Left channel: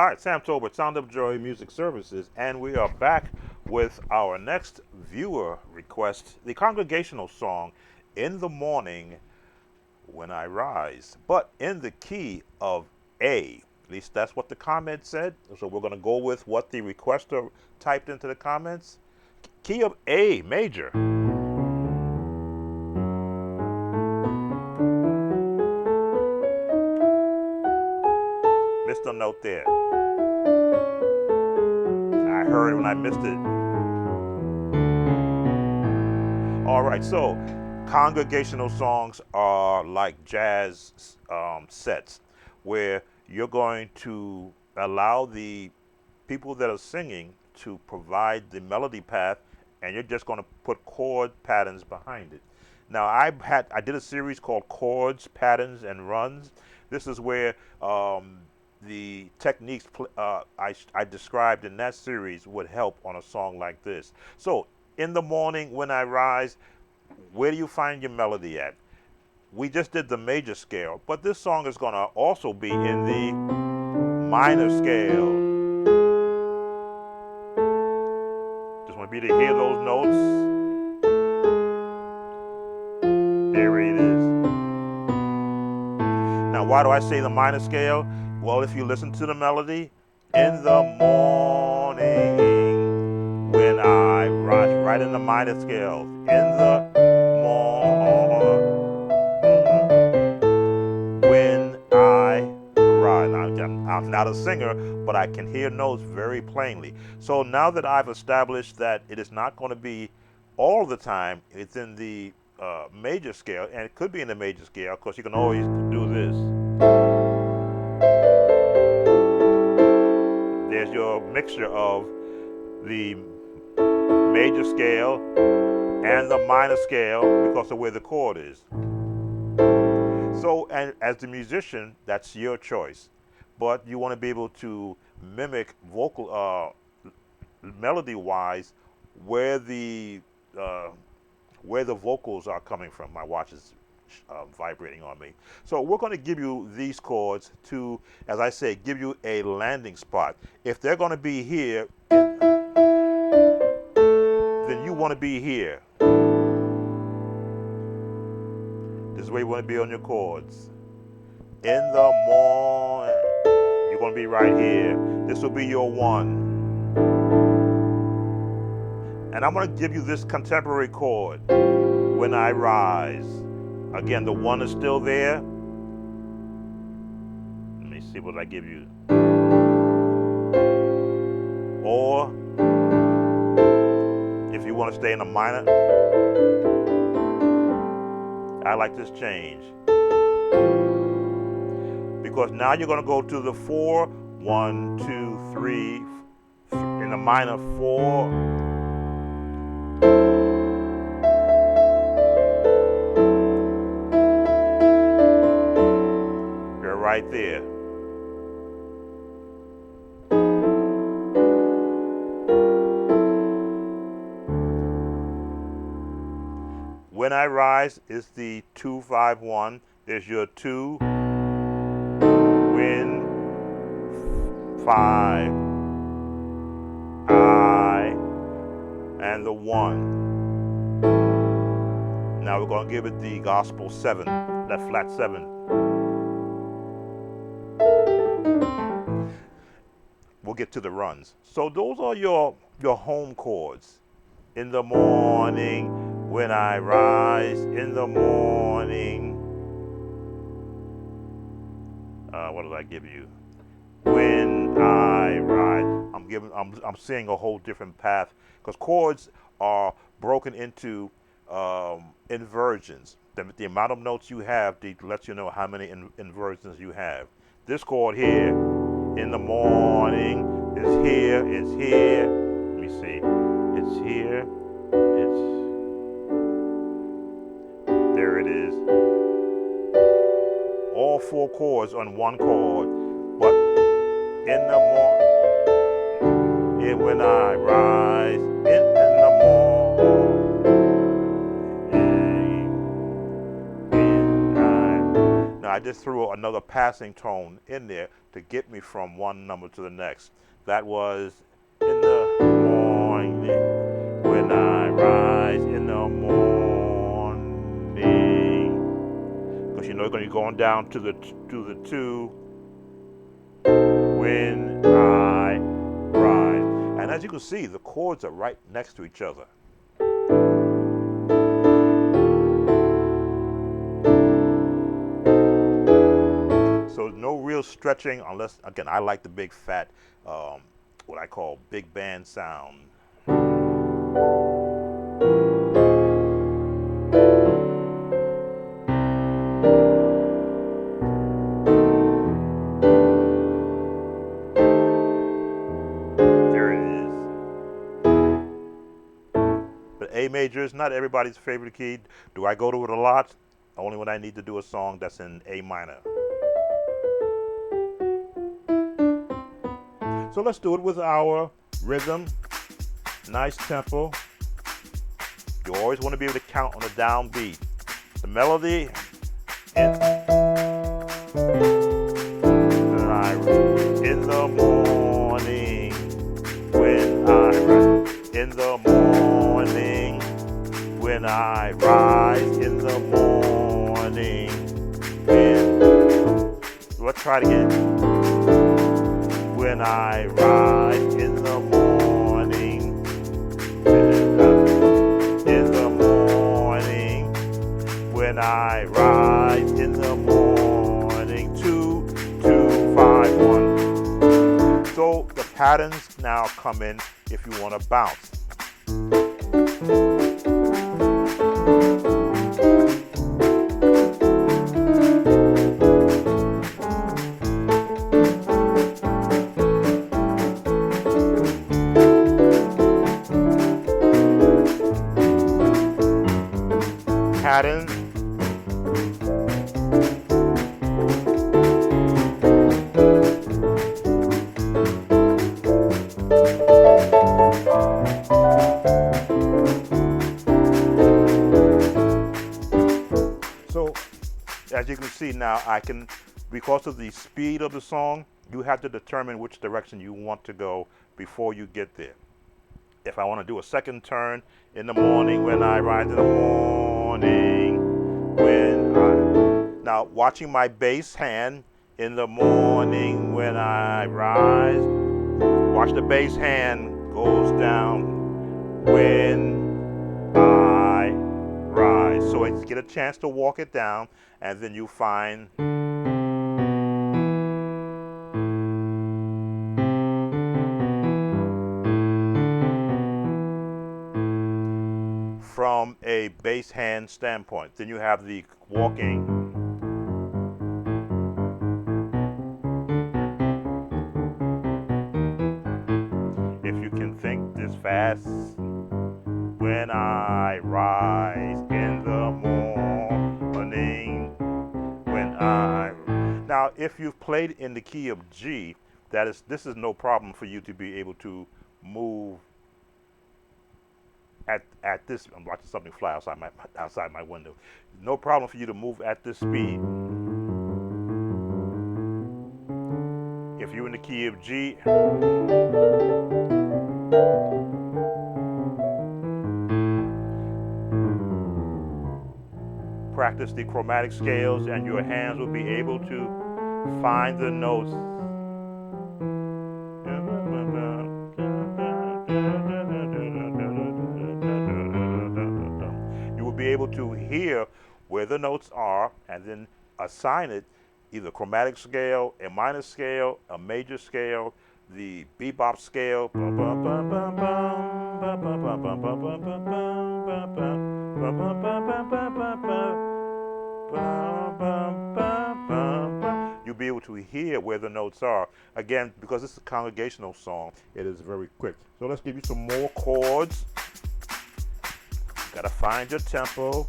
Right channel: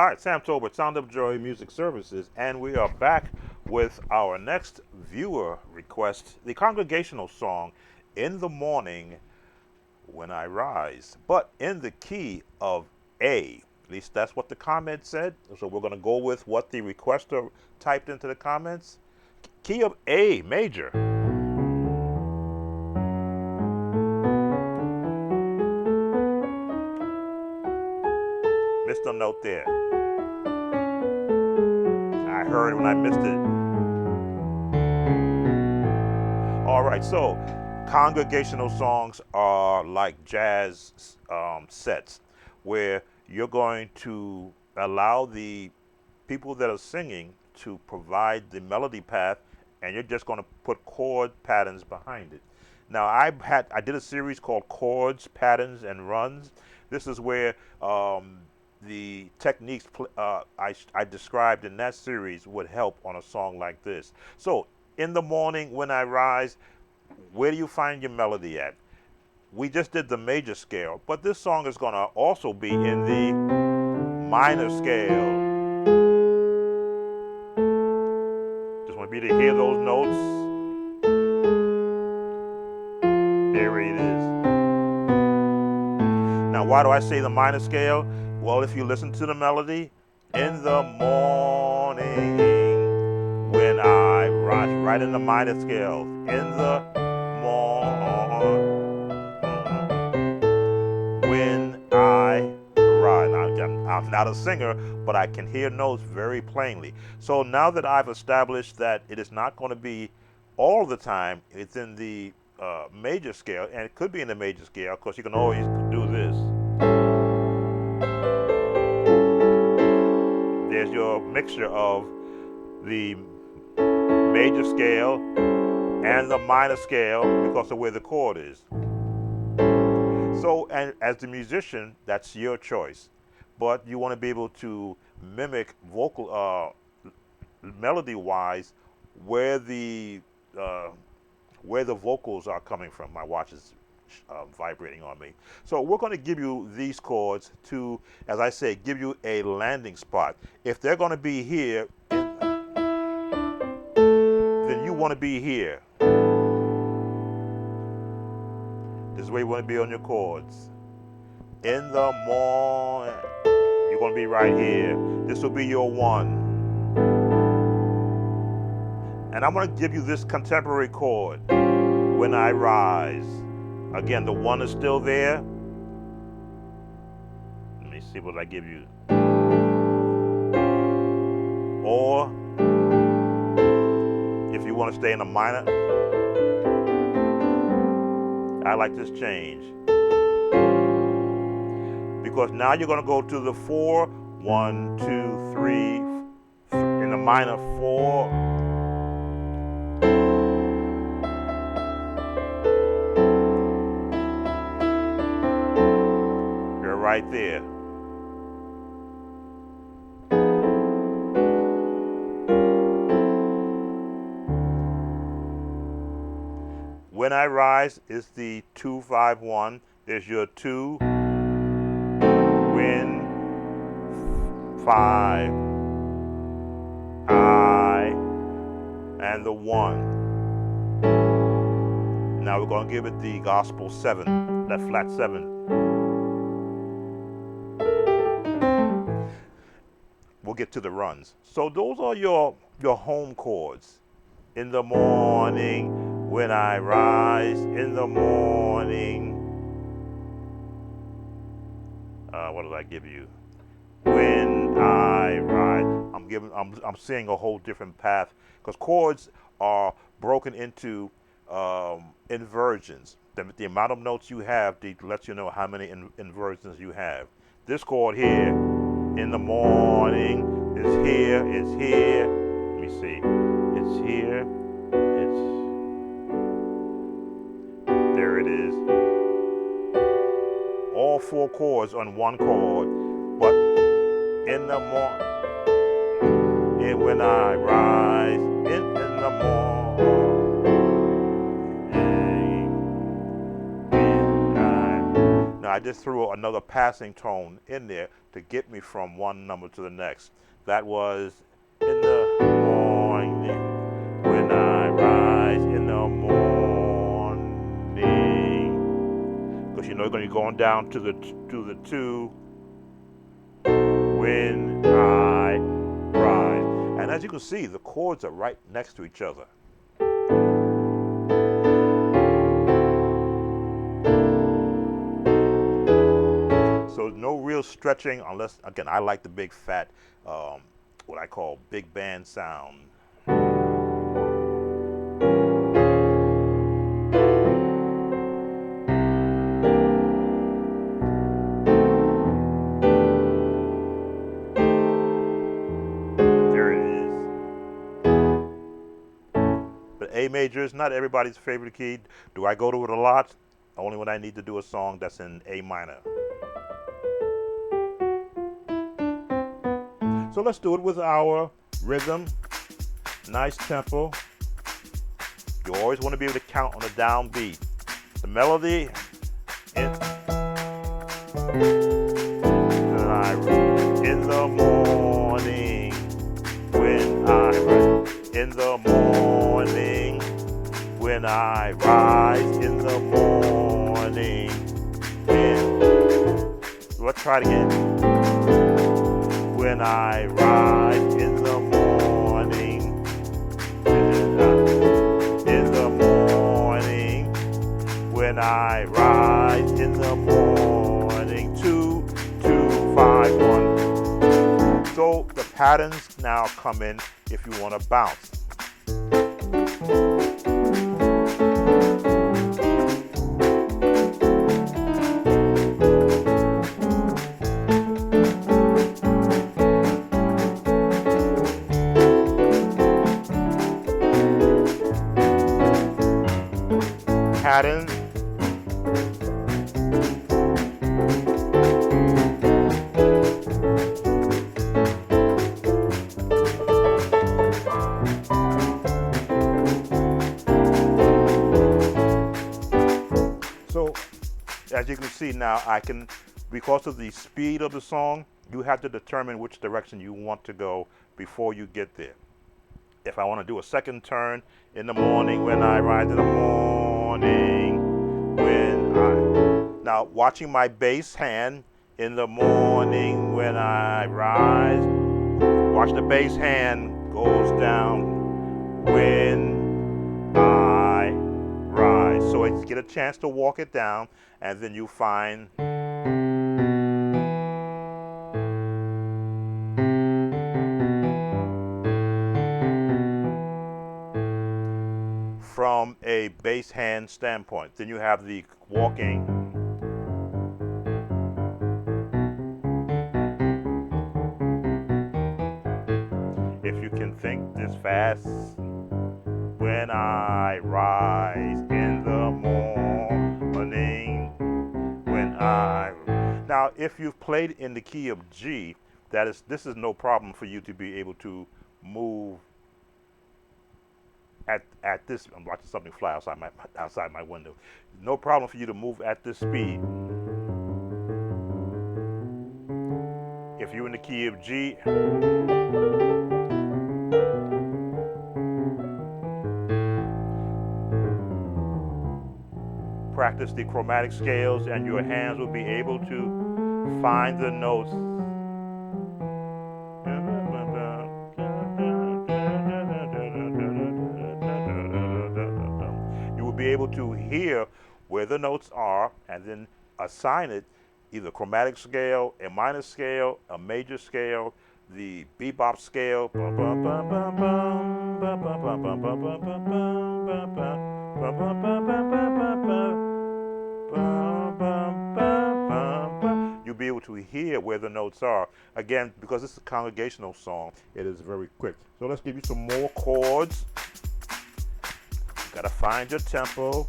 All right, Sam Tolbert, Sound of Joy Music Services, and we are back with our next viewer request, the congregational song, In the Morning When I Rise, but in the key of A. At least that's what the comment said, so we're going to go with what the requester typed into the comments. Key of A, major. Missed a note there. I heard it when I missed it. All right, so congregational songs are like jazz sets where you're going to allow the people that are singing to provide the melody path and you're just going to put chord patterns behind it. Now I did a series called Chords, Patterns, and Runs. This is where the techniques I described in that series would help on a song like this. So, in the morning when I rise, where do you find your melody at? We just did the major scale, but this song is going to also be in the minor scale. Just want you to hear those notes. There it is. Now, why do I say the minor scale? Well, if you listen to the melody, in the morning when I rise, right in the minor scale, in the morning when I rise. Now, I'm not a singer, but I can hear notes very plainly. So now that I've established that it is not going to be all the time, it's in the major scale, and it could be in the major scale. Of course, you can always do this. There's your mixture of the major scale and the minor scale because of where the chord is. So, and as the musician, that's your choice. But you want to be able to mimic vocal, melody-wise, where the vocals are coming from. My watch is vibrating on me. So we're going to give you these chords to, as I say, give you a landing spot. If they're going to be here, then you want to be here. This is where you want to be on your chords. In the morning, you're going to be right here. This will be your one. And I'm going to give you this contemporary chord, when I rise. Again, the one is still there. Let me see what I give you. Or, if you want to stay in a minor, I like this change. Because now you're going to go to the 4, 1, 2, 3, in the minor 4. You're right there. When I rise is the 2, 5, 1. There's your 2. When 5, I, and the 1. Now we're going to give it the gospel 7, that flat 7. We'll get to the runs. So those are your home chords. In the morning when I rise, in the morning. What did I give you? When I rise. I'm seeing a whole different path because chords are broken into inversions. The amount of notes you have lets you know how many inversions you have. This chord here, in the morning, is here, it's here. Let me see. It's here. There it is. All 4 chords on one chord, but in the morning, when I rise, in the morning, Now I just threw another passing tone in there to get me from one number to the next. That was in the morning when I rise in the morning. Because you know you're going to be going down to the two when I rise. And as you can see, the chords are right next to each other. So no real stretching unless, again, I like the big fat, what I call big band sound. There it is. But A major is not everybody's favorite key. Do I go to it a lot? Only when I need to do a song that's in A minor. So let's do it with our rhythm, nice tempo. You always want to be able to count on the downbeat. The melody, in the morning, when I rise, in the morning, when I rise, in the morning, let's try it again. When I rise in the morning, in the morning, when I rise in the morning, 2, 2, 5, 1. So the patterns now come in if you want to bounce. Pattern. So, as you can see now, I can, because of the speed of the song, you have to determine which direction you want to go before you get there. If I want to do a second turn, in the morning when I rise, in the morning when I... Now, watching my bass hand, in the morning when I rise, watch the bass hand goes down when I rise. So I get a chance to walk it down, and then you find... from a bass hand standpoint. Then you have the walking. If you can think this fast, when I rise in the morning, when I... Now, if you've played in the key of G, this is no problem for you to be able to move at this. I'm watching something fly outside my window. No problem for you to move at this speed. If you're in the key of G, practice the chromatic scales, and your hands will be able to find the notes. You will be able to hear where the notes are and then assign it either chromatic scale, a minor scale, a major scale, the bebop scale. You'll be able to hear where the notes are. Again, because this is a congregational song, it is very quick. So let's give you some more chords. You gotta find your tempo.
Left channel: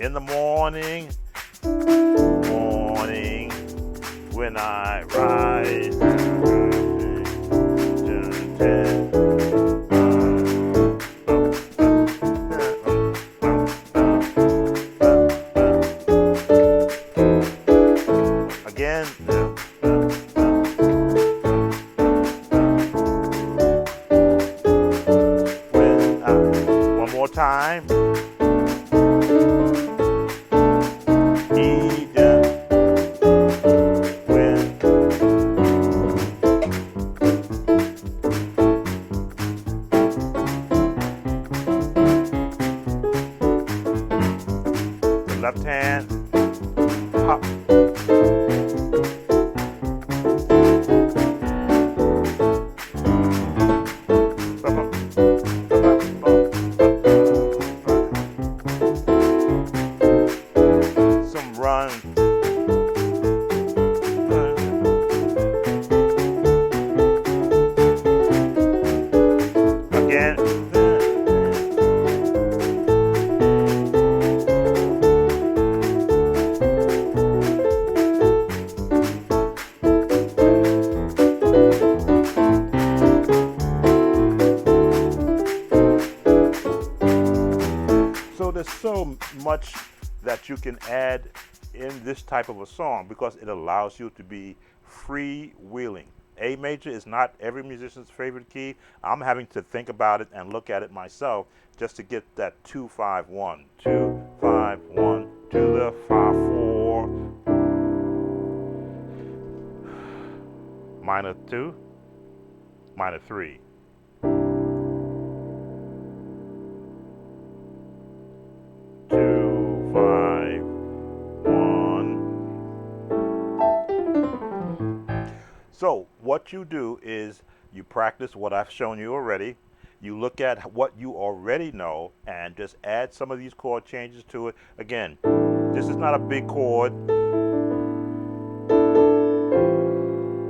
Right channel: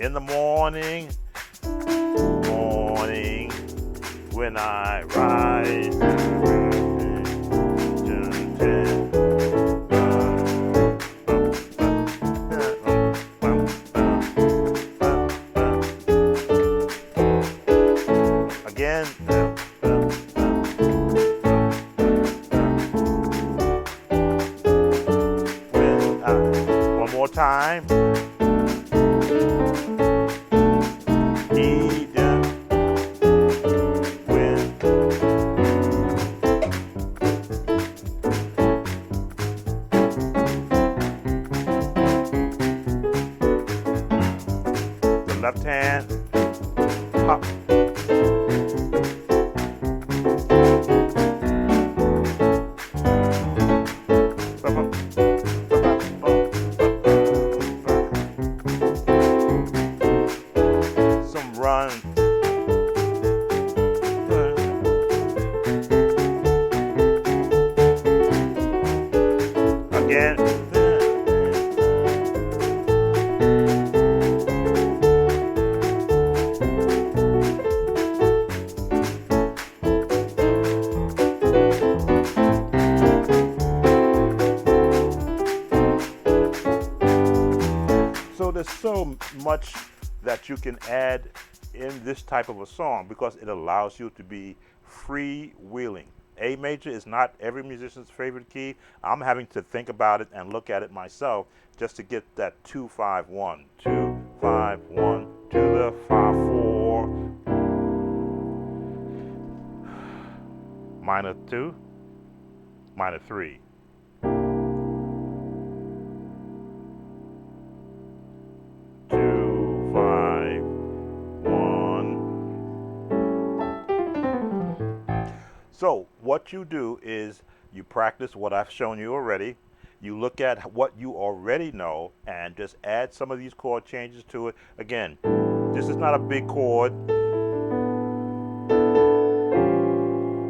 In the morning, when I rise. time. Eden, when the left hand hop. Some run. Again. So there's so much that you can add in this type of a song because it allows you to be freewheeling. A major is not every musician's favorite key. I'm having to think about it and look at it myself just to get that 2-5-1, 2-5-1 to the 5-4, minor 2, minor 3. So what you do is you practice what I've shown you already. You look at what you already know and just add some of these chord changes to it. Again, this is not a big chord.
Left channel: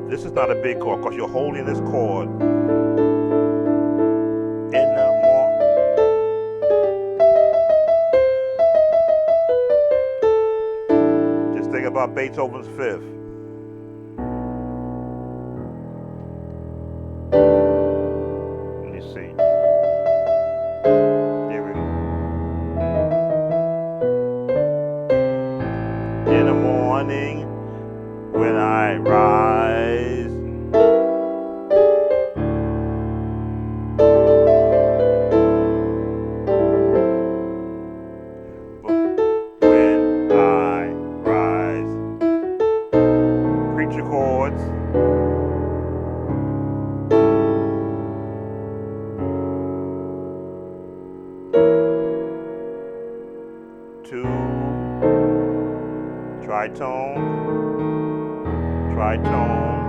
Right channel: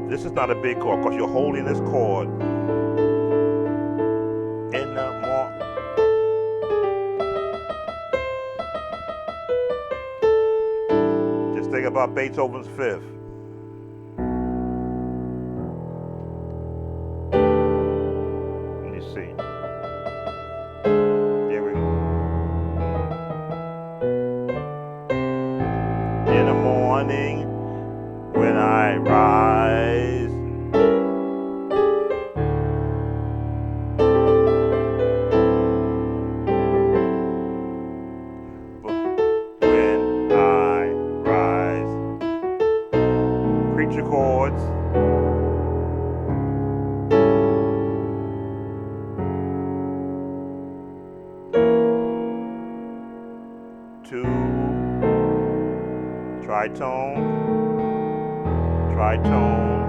This is not a big chord because you're holding this chord in the more. Just think about Beethoven's Fifth. See. There we go. In the morning when I rise, when I rise, preacher chords. Tritone, tritone,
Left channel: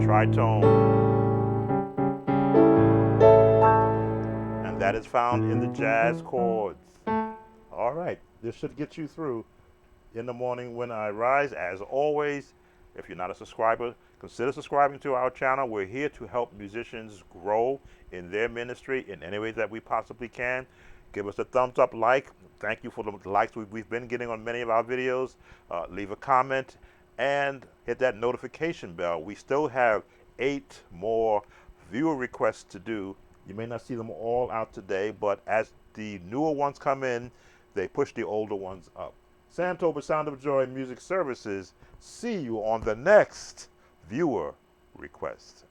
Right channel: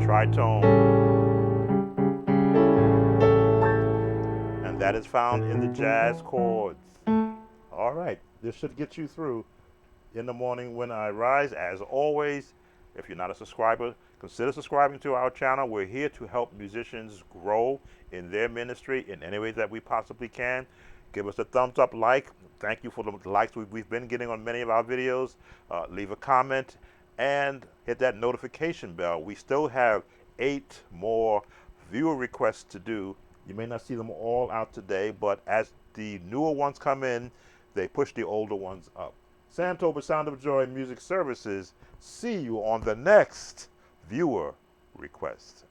tritone. And that is found in the jazz chords. All right, this should get you through In the Morning When I Rise. As always, if you're not a subscriber, consider subscribing to our channel. We're here to help musicians grow in their ministry in any way that we possibly can. Give us a thumbs up, like. Thank you for the likes we've been getting on many of our videos. Leave a comment and hit that notification bell. We still have 8 more viewer requests to do. You may not see them all out today, but as the newer ones come in, they push the older ones up. Sam Tober, Sound of Joy Music Services. See you on the next viewer request.